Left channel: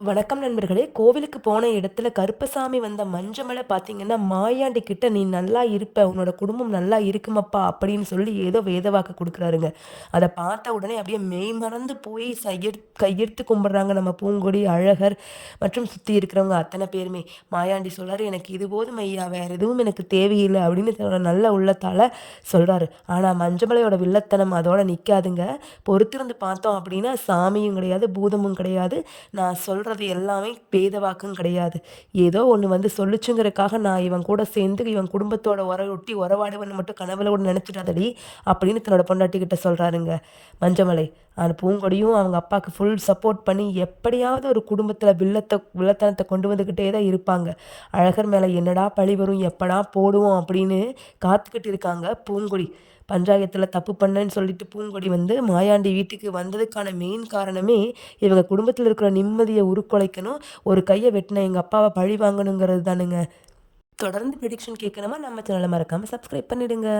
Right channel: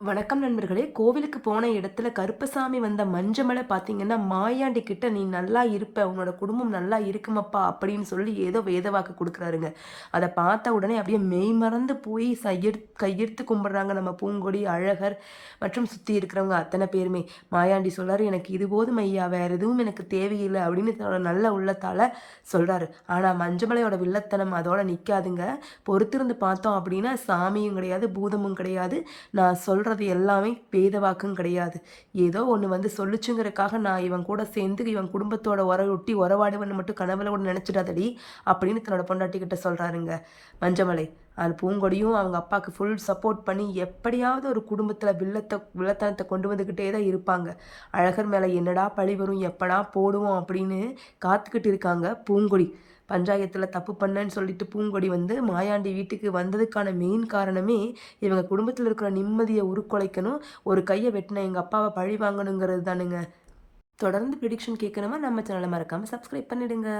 வணக்கம் நண்பர்களே! கோவிலுக்கு போன இடத்துல கருப்பசாமி வந்த மஞ்சமலை பார்த்தீங்கன்னா, "மாயாண்டி கிட்ட நீ நல்லா இருப்ப. உன்னோட குடும்பம் நல்லா இருக்குமப்பா" அப்படின்னு சொல்லி ஏதோ வேதவாக்கு குடுக்குறாருங்க. அத பார்த்த உடனே அப்படியே மெய்மறந்து போய் கையெடுத்து கும்பிடுறாங்க நம்ம பூங்கொடி, அழகர் மற்றும் சுத்தி இருக்கிறவங்க அத்தன பேருமே. மாயாண்டி சொல்றாரு, "எனக்கு இது போதும் ஐயா. வேற எதுவும் எனக்கு தேவையில்ல" அப்படின்னு தன்னோட நல்ல உள்ளத்தால சொல்றாரு. ஆனா மஞ்சமலையோட வில்லத்தனம் அதோட நிக்காதுங்க. பொறுத்திருந்து பார்த்தோம் அப்படின்னா, சாமியும் கிடையாது, பூதமும் கிடையாது. நான் சொல்றது எல்லாமே வேத வாக்கும் கிடையாது. ஏதோ ஒண்ணு வந்து சொல்லுச்சுங்கிறதுக்காக நான் இவன் கூட சேர்ந்து இவன் குடும்பத்தோட ஒட்டி உறவாடுவேன்னு மட்டும் கனவுல கூட நினைச்சிடாதடி, அப்படின்னு தன்னோட பொண்டாட்டி கிட்ட சொல்றாருங்க மஞ்சமலை. அந்த பூங்கொடியும் அவங்க அப்பாக்கு ஃபுல் சப்போர்ட் பண்ணி எப்படியாவது ஒரு குடும்பத்தில வில்லத்தனத்த கொண்டு வந்துகிட்டே தான் இருப்பாங்க. அழகர் மேல என்னடா பழி வரும், எப்படா போடுவோம் அப்படின்னு காத்துக்கிட்டு இருக்காங்க பூங்கொடி. பஞ்சாயத்துல தப்பு பண்ணேன்னு சொல்லிட்டு பூங்கொடி வந்து மாயாண்டி வீட்டுக்கு வந்ததுக்கான மெயின் காரணமே, இவங்க குடும்பத்துல இருக்கிற நிம்மதிய உருக்குலைக்கணும். ஒரு கைய வெட்டுன எங்க அப்பாவ பழி வாங்கணுங்கிறது தானுங்க. தொடர்ந்து ப்ரிடிக்ஷன் கேட்கணுமா நம்ம சேனல மறக்காம சப்ஸ்கிரைப் பண்ணிடுங்க.